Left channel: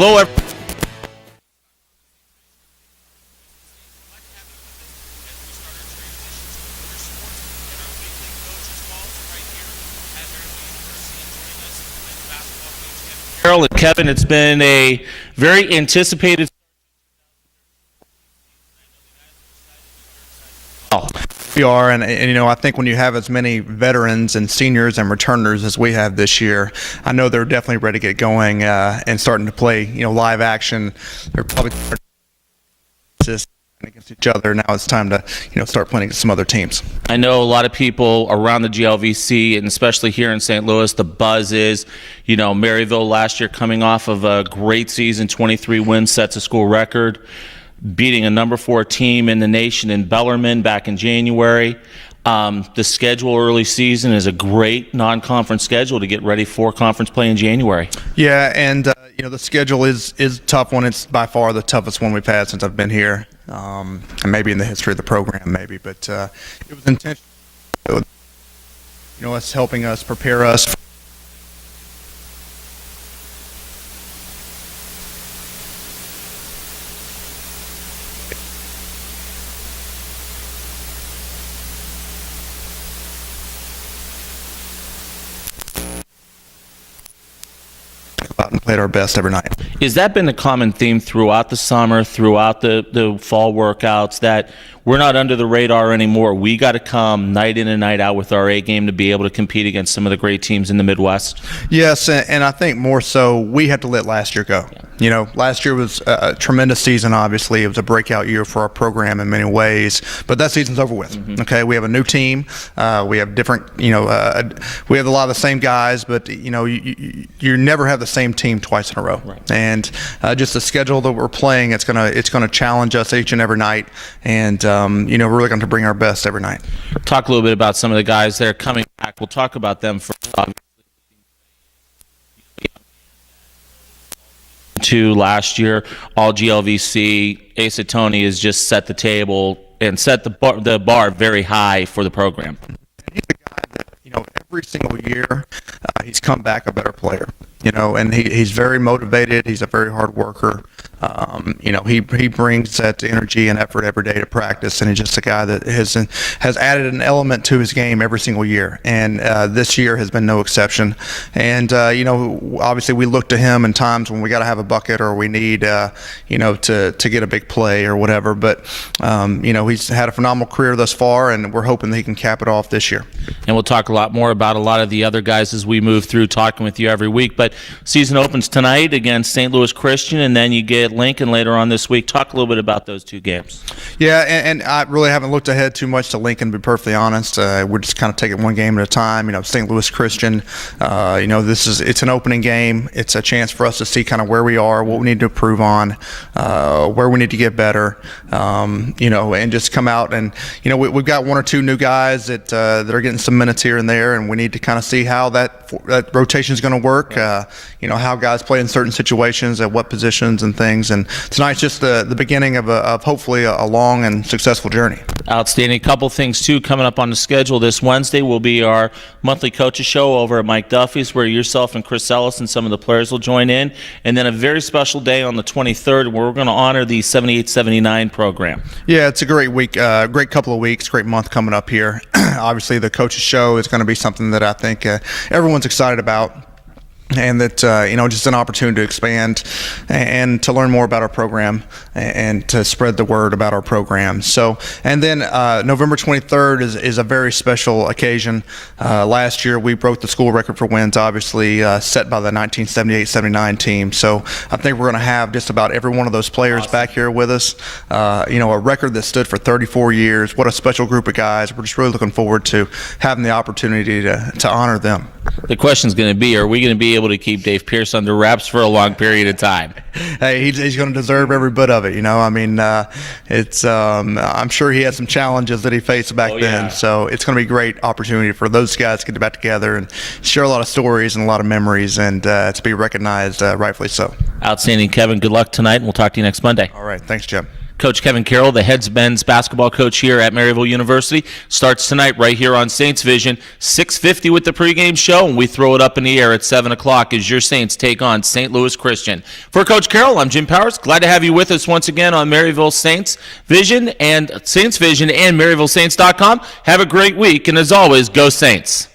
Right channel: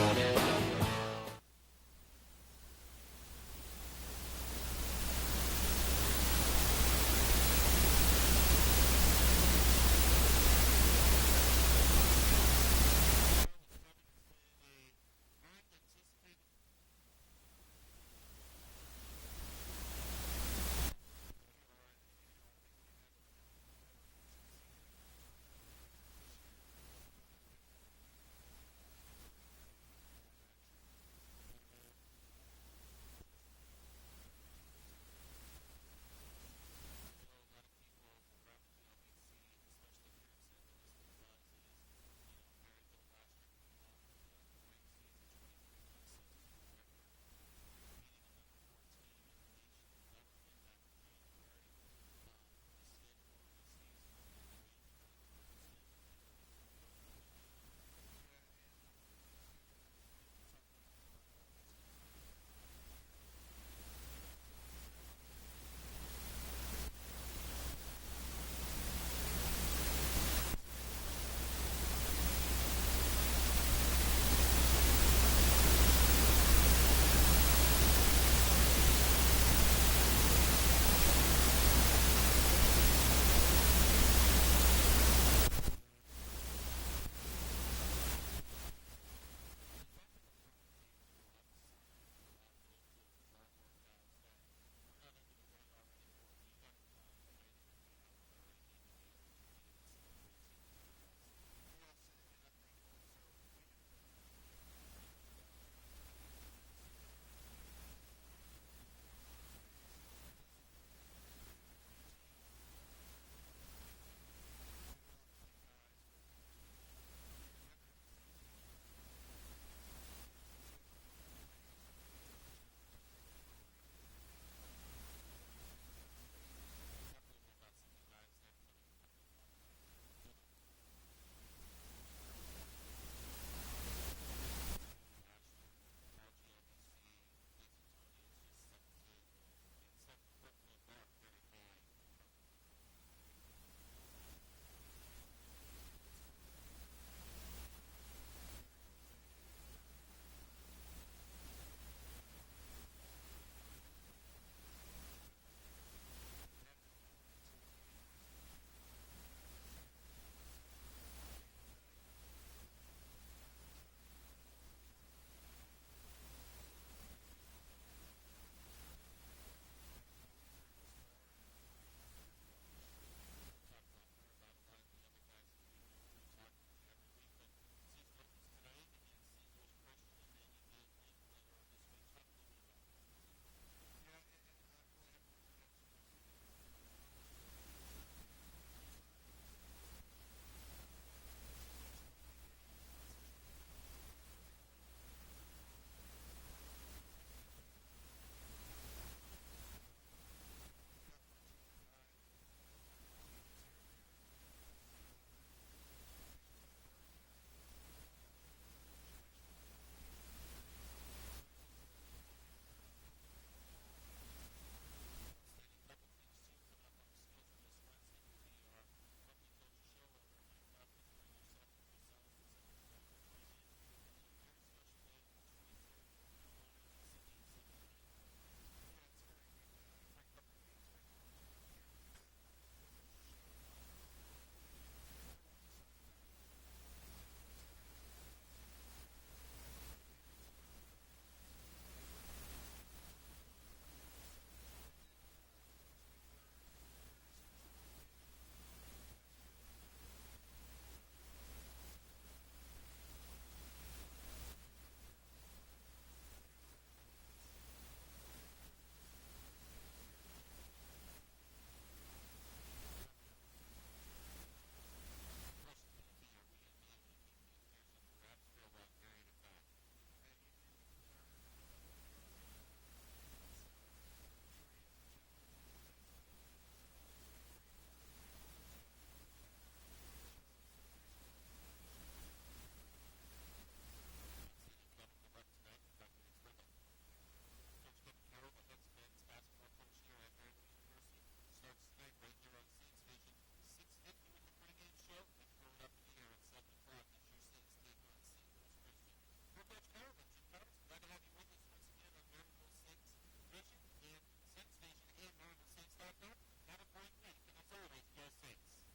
Hello, Carroll and Kevin. It's been a very anticipated. We are, and I think when you have as many veterans and seniors and returners as we have this year, I know they're definitely ready to get going and starting to play, live action. They're probably against each other. Now it's time to, start playing against some other teams. I know a lot of people around the GLVC, and especially here in St. Louis, the buzz is, Maryville last year coming off of a great season, 23 wins, sets a school record, beating a number 4 team in the nation in Bellarmine back in January. The schedule early season is a great non-conference schedule to get ready for conference play in January. Yeah, and the schedule is a tough one. It's by far the toughest one we've had since I've been here, and maybe in the history of the program, maybe. But it was intentional. It's helping us prepare us. Out and played our best every night. Has that been a common theme throughout the summer, throughout the fall workouts, that we're not under the radar anymore? We got to come night in and night out with our A game to be able to compete against some of the great teams in the Midwest? Yes, and I think more so we had to let last year go. Last year was a tremendous season, obviously. It was a breakout year for our program in many ways, but that season's over with. Mm-hmm. Okay, we have a new team. We have different, we have a lot of the same guys, but, you never have the same team twice in a row. Right. And just the schedule that we're playing, it's gonna challenge us each and every night, and, we're really going to bring our best every night. Talk a little bit about some of the guys that are coming back. We'll talk about them first. Last year, all GLVC. Asa Tony has just set the table and set the bar very high for the program. He's a guy that, every single year he's come back a better player. And he's very motivated. He's a very hard worker. He brings that energy and effort every day to practice, and he's just a guy that has added an element to his game every single year. And this year has been no exception. And obviously we look to him in times when we got to have a bucket or we need to get a big play or whatever. But he's had a phenomenal career thus far, and we're hoping that he can cap it off this year. And we'll talk a lot more about a lot of the other guys as we move through talking with you every week. But season opens tonight against St. Louis Christian, and then you get Lincoln later on this week. Talk a little bit about those two games. Yeah, and I really haven't looked ahead too much to Lincoln, to be perfectly honest. We're just kind of taking one game at a time. St. Louis Christian, it's an opening game. It's a chance for us to see kind of where we are, what we need to improve on, where we need to get better, and just come out and, we've got one or two new guys that are getting some minutes here and there, and we need to kind of see how that rotation is going to work. How guys play in certain situations, at what positions and things. And tonight's just the beginning of hopefully a long and successful journey. Outstanding. A couple things, too, coming up on the schedule. This Wednesday will be our monthly coaches show over at Mike Duffy's, where yourself and Chris Ellis and some of the players will join in. And then a very special day on the 23rd where we're going to honor the 78-79 program. Yeah, it's a great week, great couple of weeks, great month coming up here. Obviously, the coaches show is going to be something that I think everyone's excited about. And that, just an opportunity to expand and to learn more about our program and to spread the word about our program. So, and then November 23rd is a very special occasion. Last year, we broke the school record for wins, obviously, set by the 1978-79 team. So I think we're going to have just about every one of those players back here with us. A record that stood for 34 years. What a special group of guys. We're just really looking forward to having the opportunity to honor them. The question's going to be, are we going to be able to keep Dave Pierce under wraps for a long period of time? Hey, he's going to deserve every bit of it. It's I'm sure he had some challenges that he faced back then. So it's going to be a great opportunity for those guys to get back together and share a lot of stories and a lot of memories, and to be recognized rightfully so. Outstanding, Kevin. Good luck tonight, and we'll talk to you next Monday. All right. Thanks, Jim. Coach Kevin Carroll, the head men's basketball coach here at Maryville University, starts tonight right here on Saints Vision, 6:50 with the pregame show, and we throw it up in the air at 7 o'clock as your Saints take on St. Louis Christian. For Coach Carroll, I'm Jim Powers. Glad to have you with us once again on Maryville Saints Vision and Saints Vision and MaryvilleSaints.com. Have a great week, and as always, go Saints.